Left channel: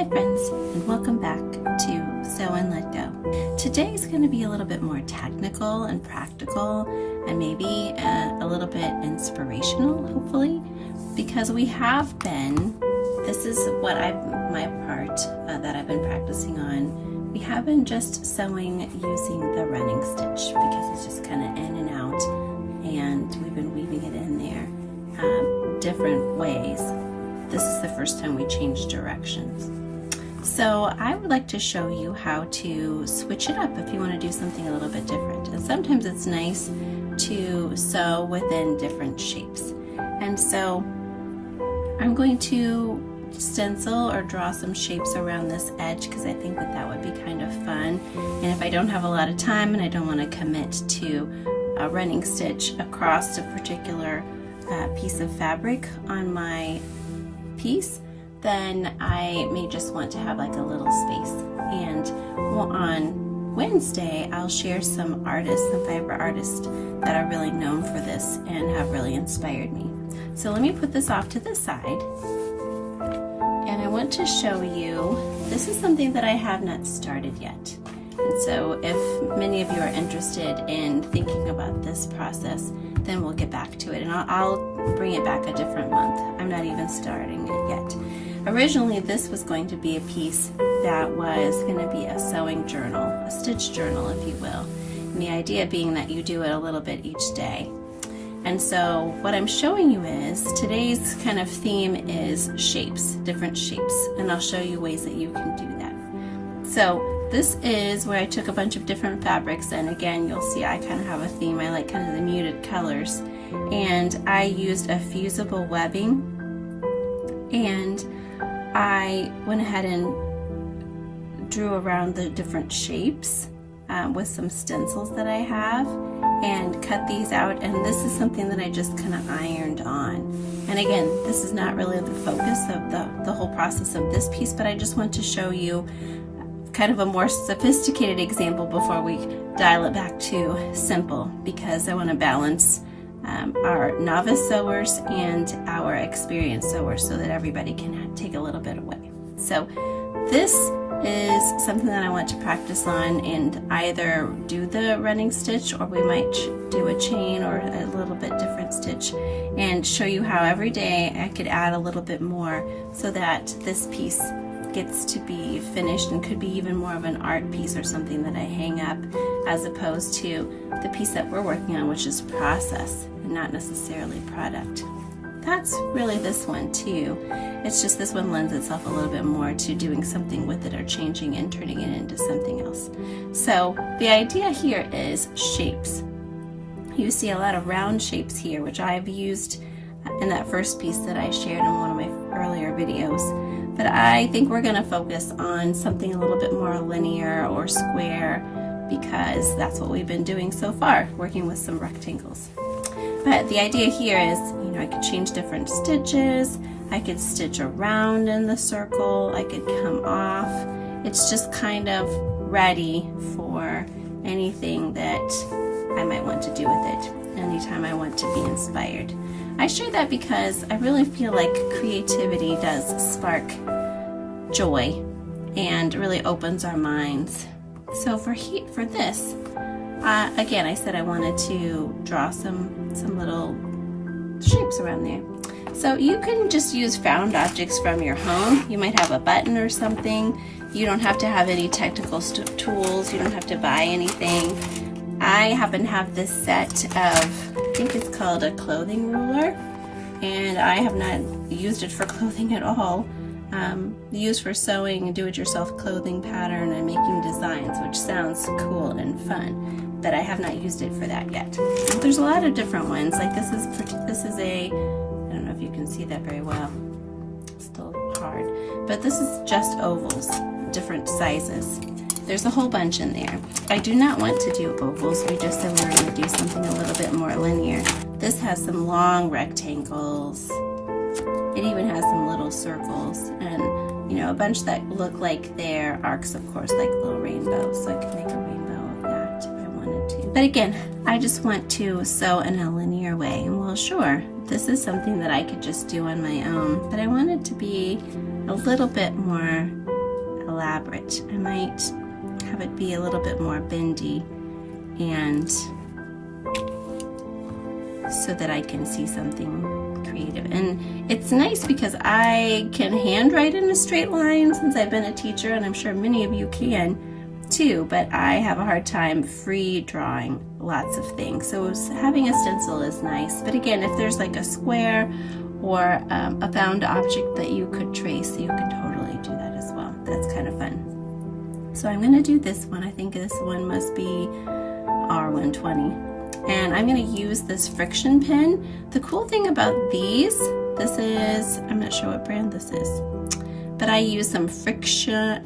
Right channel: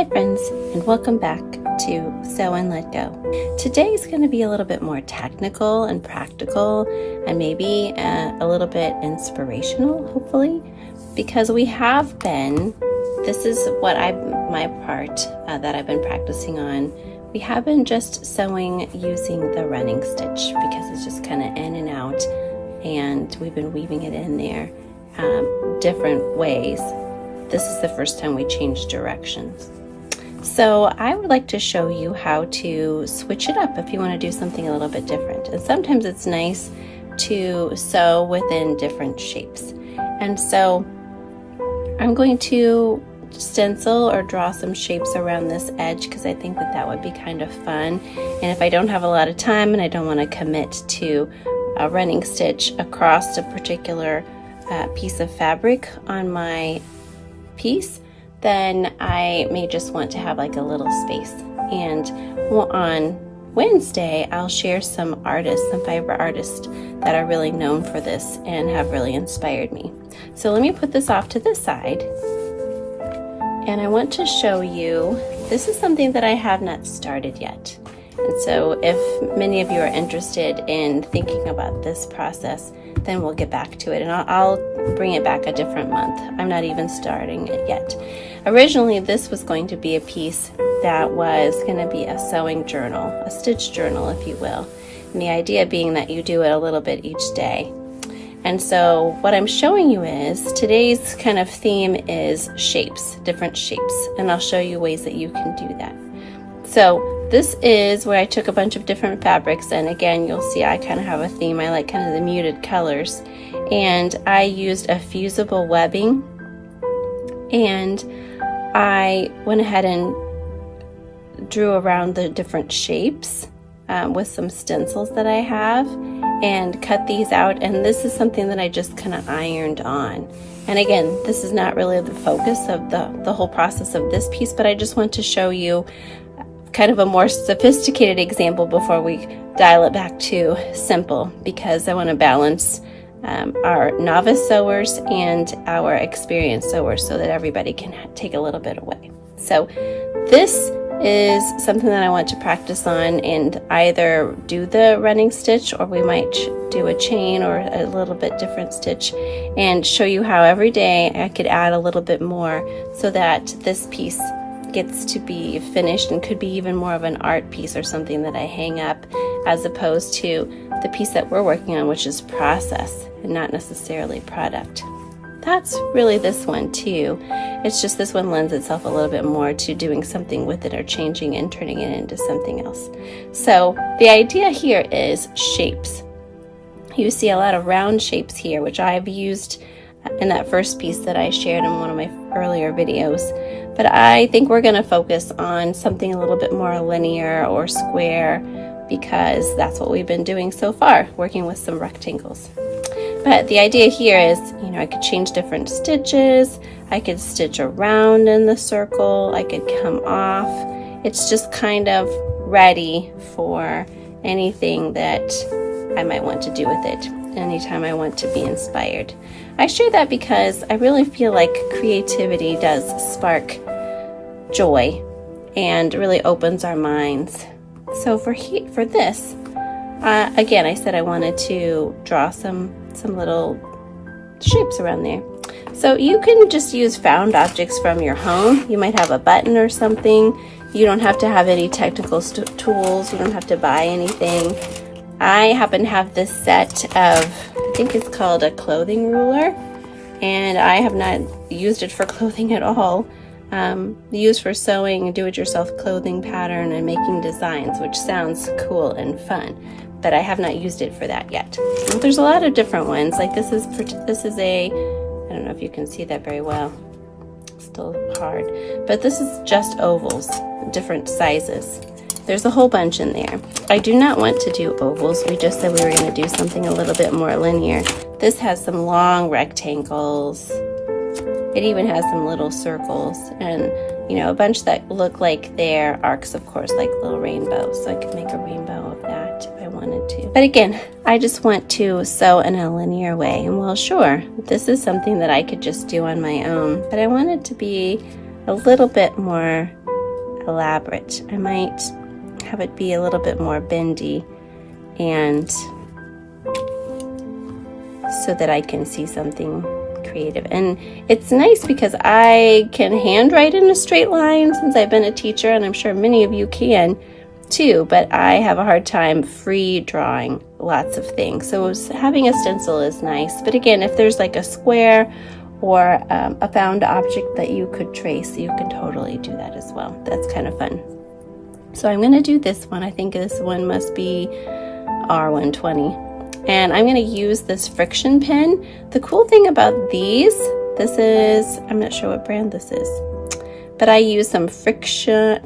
Hi friends, and welcome back to Sew and Let Go. Today is going to be a little bit more technical and practical, and maybe a little bit inspirational, hopefully, because we have been, this is what my part that I've been practicing on. We have been just sewing using the running stitch because it's just kind of in and out, and we've been weaving it in there different ways. This is the first time we changed directions. So I would like to show you how to switch it up if you want to do something a little bit different. And sometimes it's nice to sew within different shapes. And so I'm going to stencil or draw some shapes around this edge because I think that would be kind of fun. And if I don't have a lot of time and I don't want to commit to a running stitch across a particular piece of fabric on my piece, then I may just want to have like a little space. And on Wednesday, I'll share some fiber artists that are really known for this and have really inspired me. So let me put this off to the side. And I want to show you, this is something that I have not started yet. And so if many of you are interested in thinking about this process, then we'll get back to it, and I'll bring it back a different month. I'm not even starting it yet. Originally, this was going to be a piece that was going to be a sewing journal, a stitch journal, if you will. And the idea being that you do it a little bit each day. And so what I'm showing you is, today's kind of theme is shapes, different shapes, and I'll show you ways that you can do that. So this is where I took a bunch of different fabrics, and again, you'll see I kind of have a theme. I like kind of the muted colors, and I used a fusible webbing, and I went ahead and drew around the different shapes with some stencils that I have, and cut these out. And this is something that I just kind of ironed on. And again, this is not really the focus of the whole process of this piece, but I just want to show you kind of a more sophisticated example before we dial it back to simple, because I want to balance our novice sewers and our experienced sewers so that everybody can take a little bit away. So this is something that I want to practice on and either do the running stitch, or we might do a chain or a little bit different stitch, and show you how every day I could add a little bit more so that this piece gets to be finished and could be even more of an art piece or something that I hang up, as opposed to the piece that we're working on, which is process and not necessarily product. That's really this one too. It's just this one lends itself a little bit more to doing something with it or changing and turning it into something else. So the idea here is shapes. You see a lot of round shapes here, which I've used in that first piece that I shared in one of my earlier videos. But I think we're going to focus on something a little bit more linear or square, because that's what we've been doing so far, working with some rectangles. But the idea here is, I could change different stitches, I could stitch around in the circle, I could come off. It's just kind of ready for anything that I might want to do with it, anytime I want to be inspired. I share that because I really feel like creativity does spark joy and really opens our minds. So for this, again, I said I wanted to draw some little shapes around there. So you can just use found objects from your home. You might have a button or something. You don't have to have any technical tools. You don't have to buy anything. I happen to have this set of, I think it's called a clothing ruler, and I have not used it for clothing at all. Used for sewing do-it-yourself clothing pattern and making designs, which sounds cool and fun, but I have not used it for that yet. There's a lot of different ones. Like this is a, I don't know if you can see that very well, it's still hard, but this is just ovals, different sizes. There's a whole bunch in there. I do not want to do ovals. We just said we were going to do something a little bit more linear. This has some long rectangles. It even has some little circles, and a bunch that look like they're arcs, of course, like little rainbows. So I could make a rainbow of that if I wanted to. But again, I just want to sew in a linear way. And well, sure, this is something that I could just do on my own, but I want it to be a little bit more elaborate. I might have it be a little bit more bendy, and so that I can see something creative. And it's nice because I can handwrite in a straight line since I've been a teacher, and I'm sure many of you can too, but I have a hard time free drawing lots of things. So having a stencil is nice. But again, if there's like a square or a found object that you could trace, you can totally do that as well. That's kind of fun. So I'm going to do this one. I think this one must be R120. And I'm going to use this friction pen. The cool thing about these, this is, I'm not sure what brand this is, but I use some Friction,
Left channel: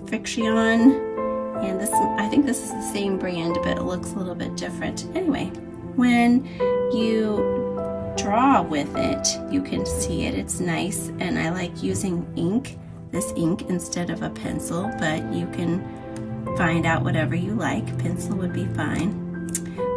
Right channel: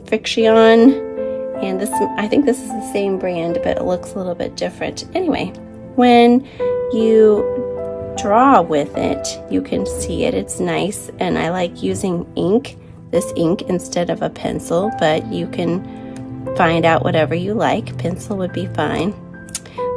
and this, I think this is the same brand, but it looks a little bit different. Anyway, when you draw with it, you can see it. It's nice, and I like using ink, this ink, instead of a pencil, but you can find out whatever you like. Pencil would be fine.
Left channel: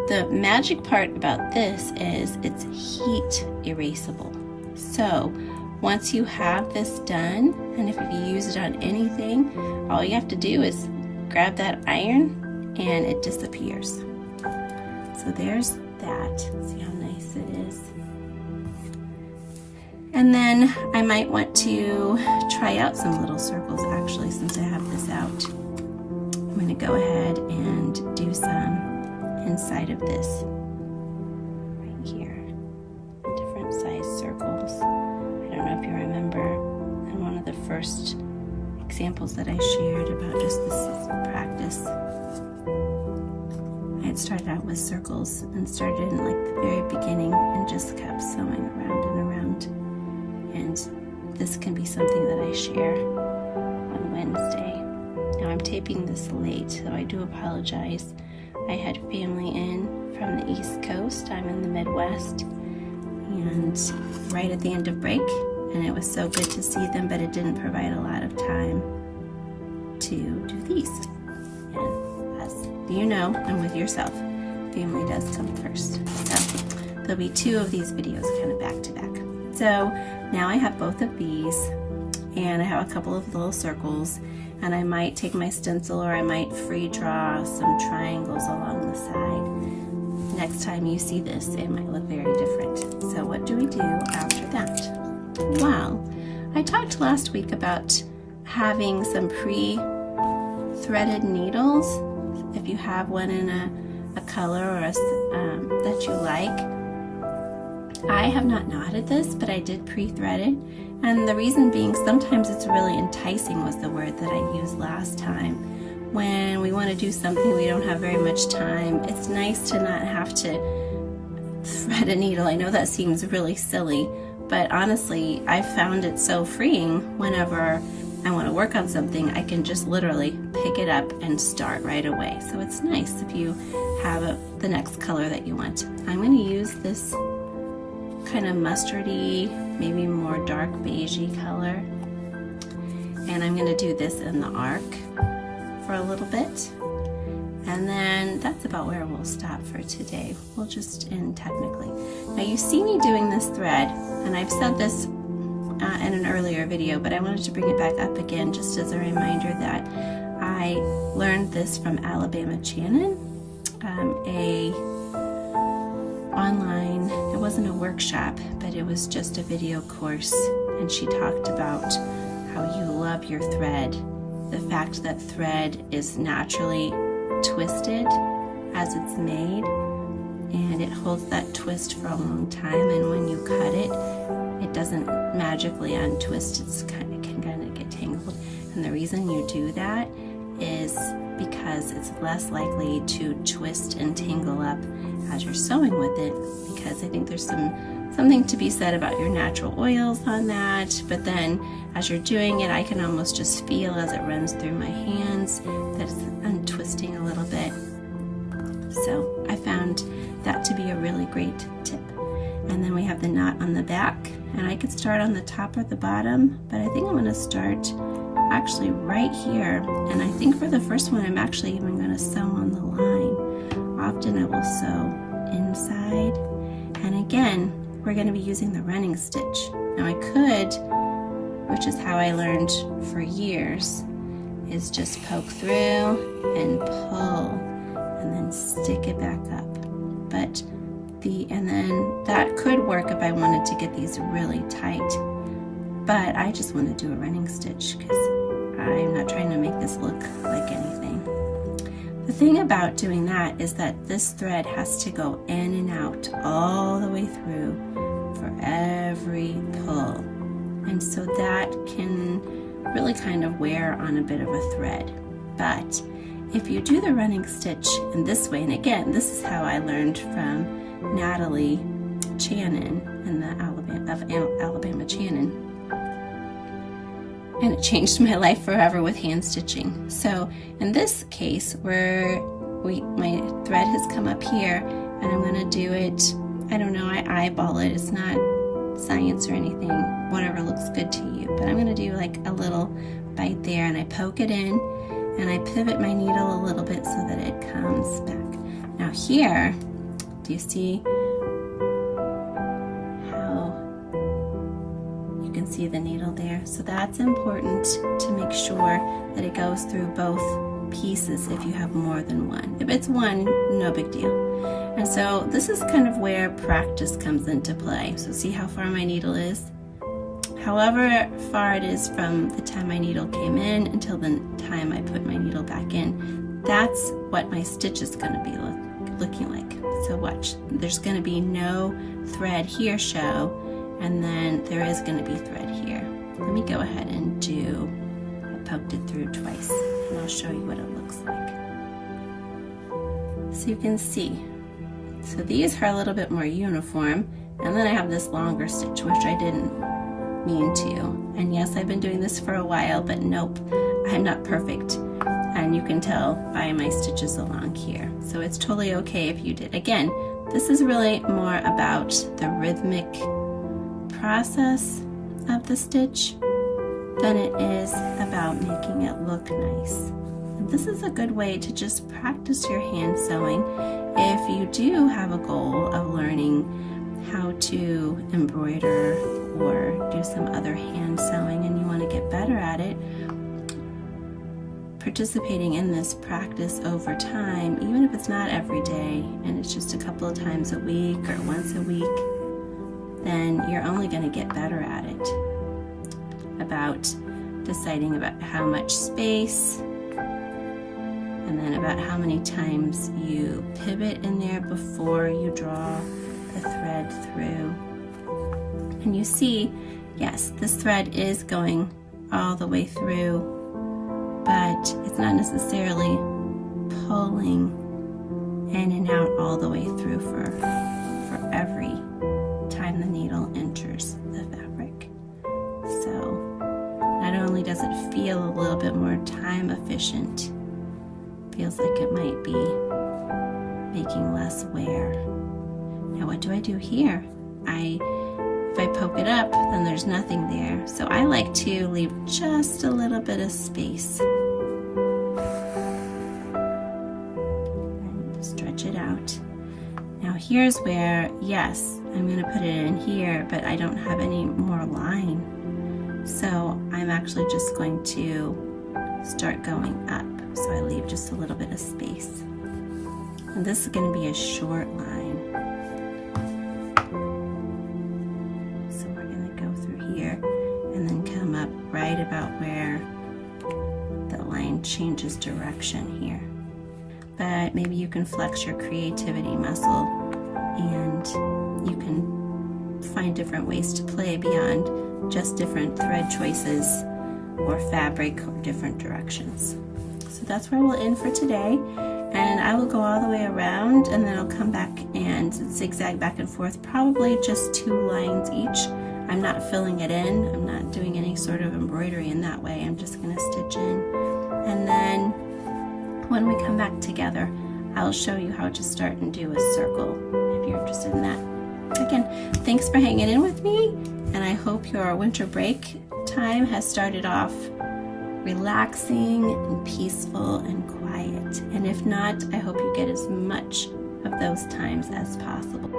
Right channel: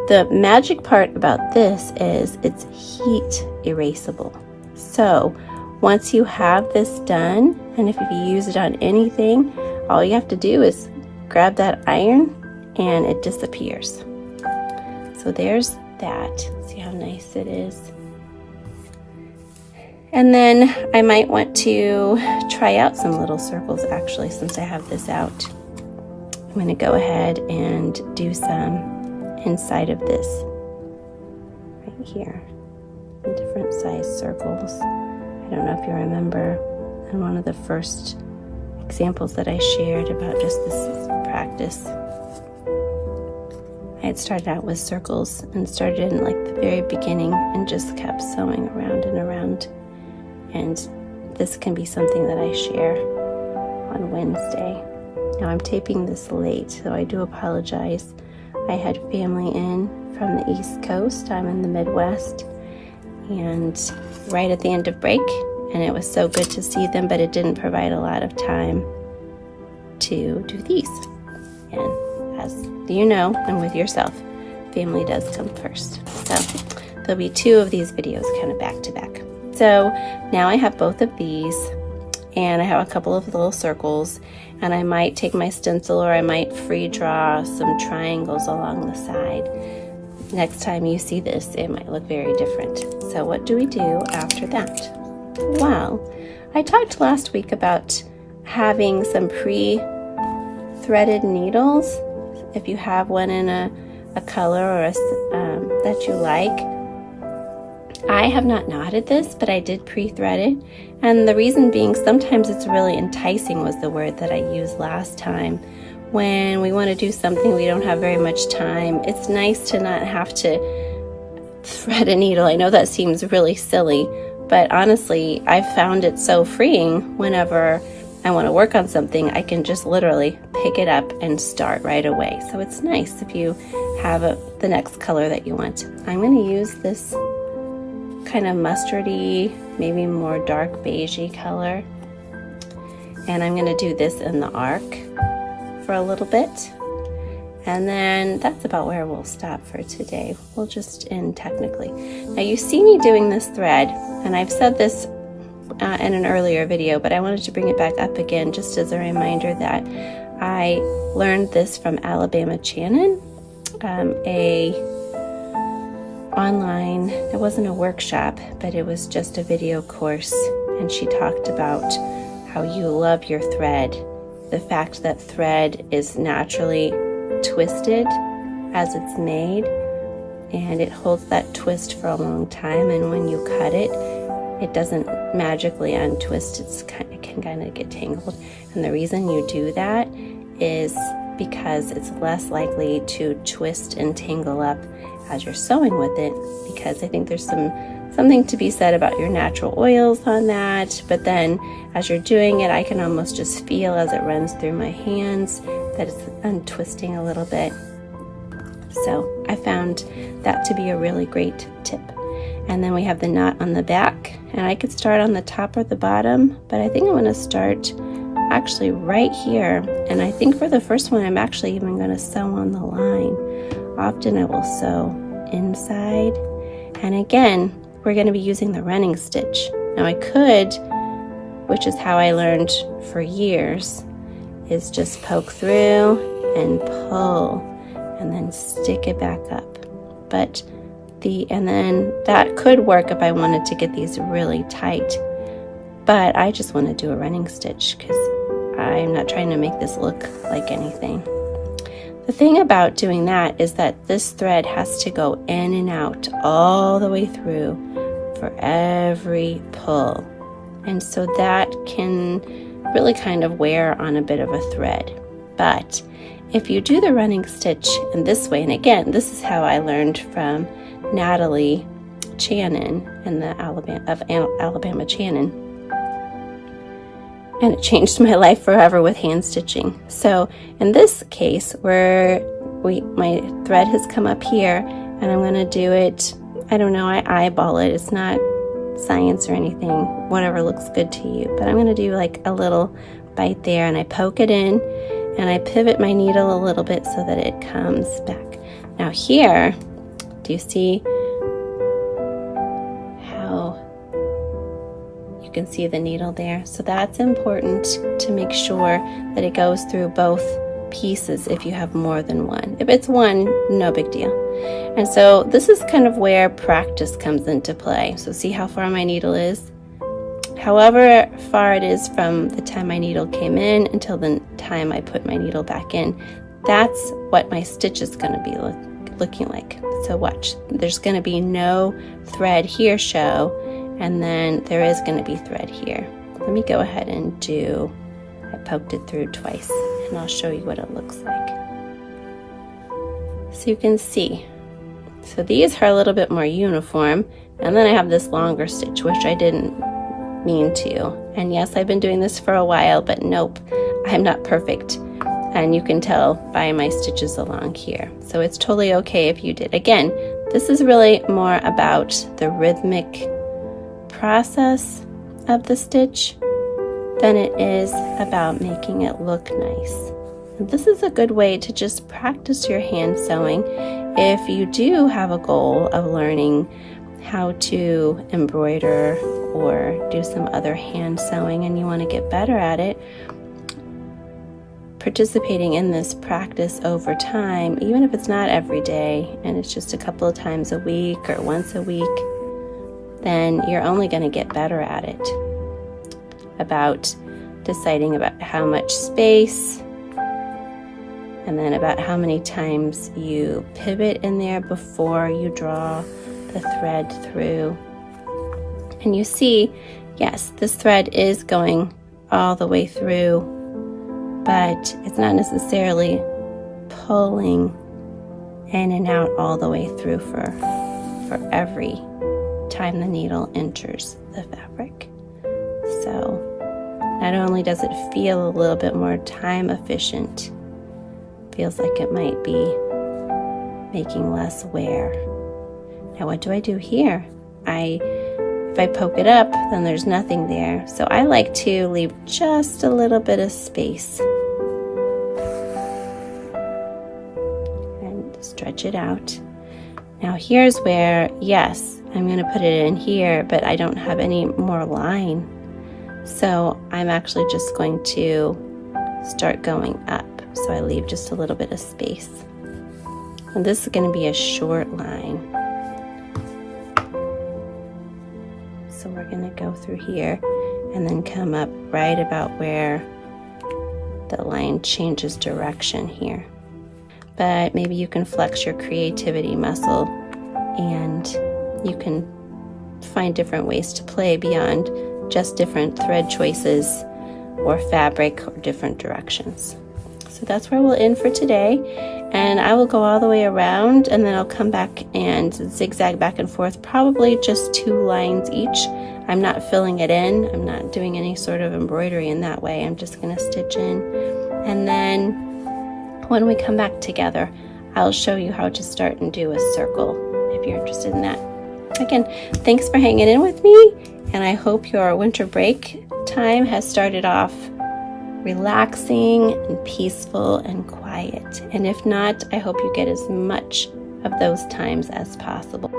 The magic part about this is it's heat erasable. So once you have this done, and if you use it on anything, all you have to do is grab that iron and it disappears. So there's that. See how nice it is? And then I might want to try out some little circles actually, since I have this out. I'm going to go ahead and do some inside of this right here, different size circles. I don't know if you remember in one of the first examples that I shared about just this practice, I had started out with circles and started in like the very beginning and just kept sewing around and around. And this can be something that I share on Wednesday. Now I'm taping this late, so I do apologize. I had family in from the East Coast. I'm in the Midwest, and right at the end of break, and it was so good to see them, but it didn't provide a lot of time to do these. And as you know, and with yourself, family does come first. So there'll be 2 of these videos kind of back to back. So now I have both of these, and I have a couple of little circles, and I might take my stencil or I might free draw some triangles along the side. Next time you see this, it might look very different. So what do we do after that? Well, I talked last week about having some pre-threaded needles. If you have one in a color or that you like. I have not knotted this, but I did pre-thread it. And the reason being, sometimes it's really enticing was the word that I used last time. When we want to do something, we don't have very much time. It's nice to not have to thread a needle. I know that seems really silly, but honestly, I found it so freeing. Whenever I want to work on something, I can just literally pick it up and start right away. So it's nice if you have the next color that you want. I'm going to use this kind of mustardy, maybe more dark beigey color, and I'm going to do this in the arc for a little bit, and then that's about where we'll stop for today. We'll just end technically. Now you see me doing this thread, and I've said this in an earlier video, but I wanted to bring it back up again just as a reminder that I learned this from Alabama Channon, online, it wasn't a workshop, but it was just a video course, and she talked about how you love your thread, the fact that thread is naturally twisted as it's made, and it holds that twist for a long time, and when you cut it, it doesn't magically untwist. It can kind of get tangled, and the reason you do that is because it's less likely to twist and tangle up as you're sewing with it, because I think there's something to be said about your natural oils on that. But then as you're doing it, I can almost just feel as it runs through my hands that it's untwisting a little bit. So I found that to be a really great tip. And then we have the knot on the back, and I could start on the top or the bottom, but I think I'm going to start actually right here. And I think for the first one, I'm actually even going to sew on the line. Often I will sew inside, and again, we're going to be using the running stitch. Now I could, which is how I learned for years, is just poke through and pull and then stick it back up. And then that could work if I wanted to get these really tight, but I just want to do a running stitch because I'm not trying to make this look like anything. The thing about doing that is that this thread has to go in and out all the way through for every pull. And so that can really kind of wear on a bit of a thread. But if you do the running stitch in this way, and again, this is how I learned from Natalie Channon and the Alabama Channon. And it changed my life forever with hand stitching. So in this case, where my thread has come up here, and I'm going to do it, I don't know, I eyeball it. It's not science or anything, whatever looks good to you. But I'm going to do like a little bite there, and I poke it in, and I pivot my needle a little bit so that it comes back. Now here, do you see how you can see the needle there? So that's important to make sure that it goes through both pieces if you have more than one. If it's one, no big deal. And so this is kind of where practice comes into play. So see how far my needle is? However far it is from the time my needle came in until the time I put my needle back in, that's what my stitch is going to be looking like. So watch, there's going to be no thread here show, and then there is going to be thread here. Let me go ahead and I poked it through twice, and I'll show you what it looks like. So you can see, so these are a little bit more uniform, and then I have this longer stitch, which I didn't mean to. And yes, I've been doing this for a while, but nope, I'm not perfect. And you can tell by my stitches along here. So it's totally okay if you did. Again, this is really more about the rhythmic process of the stitch than it is about making it look nice. And this is a good way to just practice your hand sewing if you do have a goal of learning how to embroider or do some other hand sewing and you want to get better at it. Participating in this practice over time, even if it's not every day and it's just a couple of times a week or once a week, then you're only going to get better at it. About deciding about how much space, and then about how many times you pivot in there before you draw the thread through. And you see, yes, this thread is going all the way through, but it's not necessarily pulling in and out all the way through for every time the needle enters the fabric. So not only does it feel a little bit more time efficient, feels like it might be making less wear. Now what do I do here? If I poke it up, then there's nothing there. So I like to leave just a little bit of space and stretch it out. Now here's where, yes, I'm going to put it in here, but I don't have any more line. So I'm actually just going to start going up. So I leave just a little bit of space. And this is going to be a short line. So we're going to go through here and then come up right about where the line changes direction here. But maybe you can flex your creativity muscle and you can find different ways to play beyond just different thread choices or fabric or different directions. So that's where we'll end for today, and I will go all the way around and then I'll come back and zigzag back and forth, probably just 2 lines each. I'm not filling it in, I'm not doing any sort of embroidery in that way. I'm just going to stitch in, and then when we come back together I'll show you how to start and do a circle if you're interested in that. Again, thanks for hanging in with me, and I hope your winter break time has started off relaxing and peaceful and quiet. And if not, I hope you get as much of those times as possible.